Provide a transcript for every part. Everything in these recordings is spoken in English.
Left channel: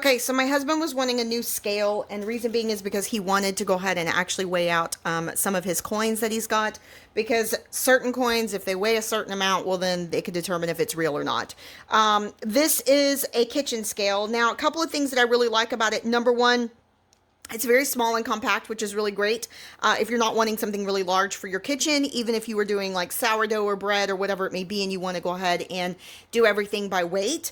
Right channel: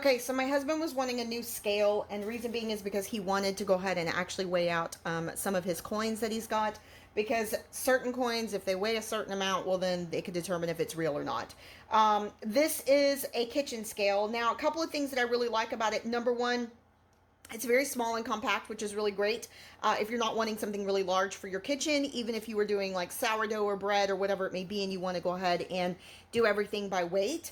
Okay, so my husband was wanting a new scale, and reason being is because he wanted to go ahead and actually weigh out some of his coins that he's got. Because certain coins, if they weigh a certain amount, well, then they could determine if it's real or not. This is a kitchen scale. Now, a couple of things that I really like about it. Number one, it's very small and compact, which is really great if you're not wanting something really large for your kitchen, even if you were doing like sourdough or bread or whatever it may be, and you want to go ahead and do everything by weight.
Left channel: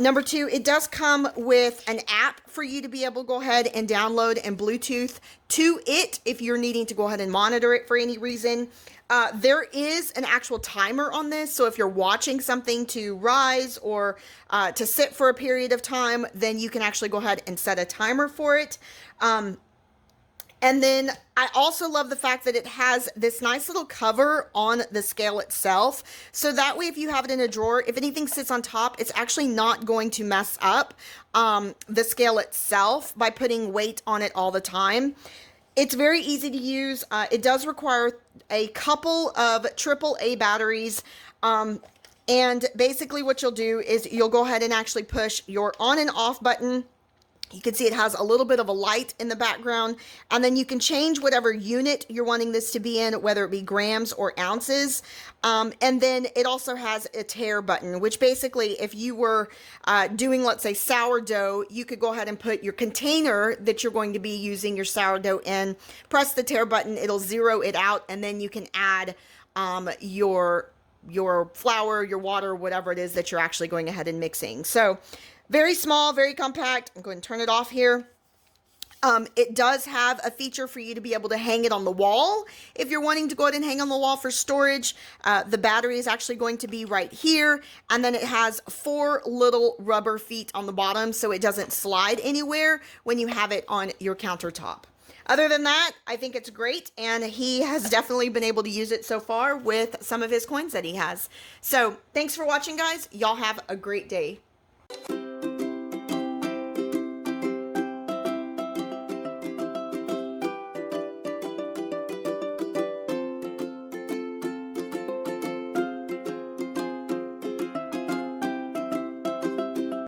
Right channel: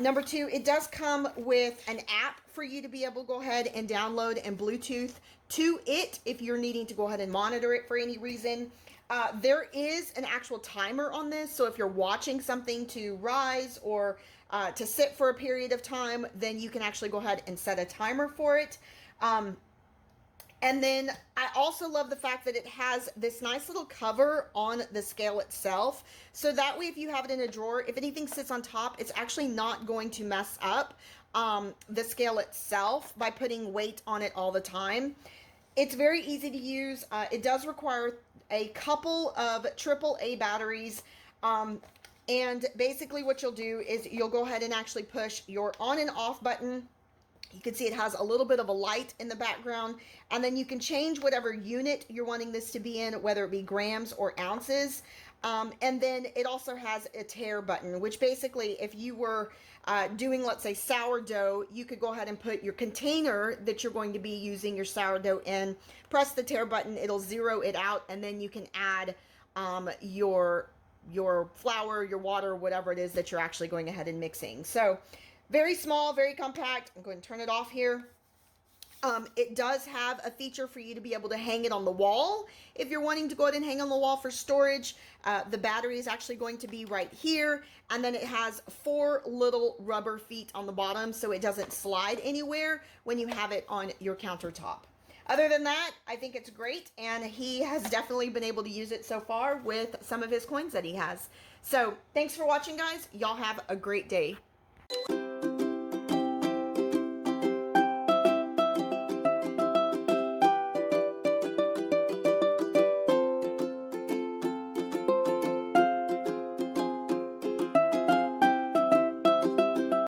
Number two, it does come with an app for you to be able to go ahead and download and Bluetooth to it if you're needing to go ahead and monitor it for any reason. There is an actual timer on this, so if you're watching something to rise or to sit for a period of time, then you can actually go ahead and set a timer for it. And then I also love the fact that it has this nice little cover on the scale itself. So that way, if you have it in a drawer, if anything sits on top, it's actually not going to mess up the scale itself by putting weight on it all the time. It's very easy to use. It does require a couple of AAA batteries. And basically what you'll do is you'll go ahead and actually push your on and off button. You can see it has a little bit of a light in the background, and then you can change whatever unit you're wanting this to be in, whether it be grams or ounces. And then it also has a tare button, which basically if you were doing, let's say, sourdough, you could go ahead and put your container that you're going to be using your sourdough in, press the tare button, it'll zero it out, and then you can add your flour, your water, whatever it is that you're actually going ahead and mixing. So very small, very compact. I'm going to turn it off here. It does have a feature for you to be able to hang it on the wall. If you're wanting to go ahead and hang on the wall for storage, the battery is actually going to be right here. And then it has 4 little rubber feet on the bottom so it doesn't slide anywhere when you have it on your countertop. Other than that, I think it's great, and he has definitely been able to use it so far with some of his coins that he has. So thanks for watching, guys. Y'all have a great day.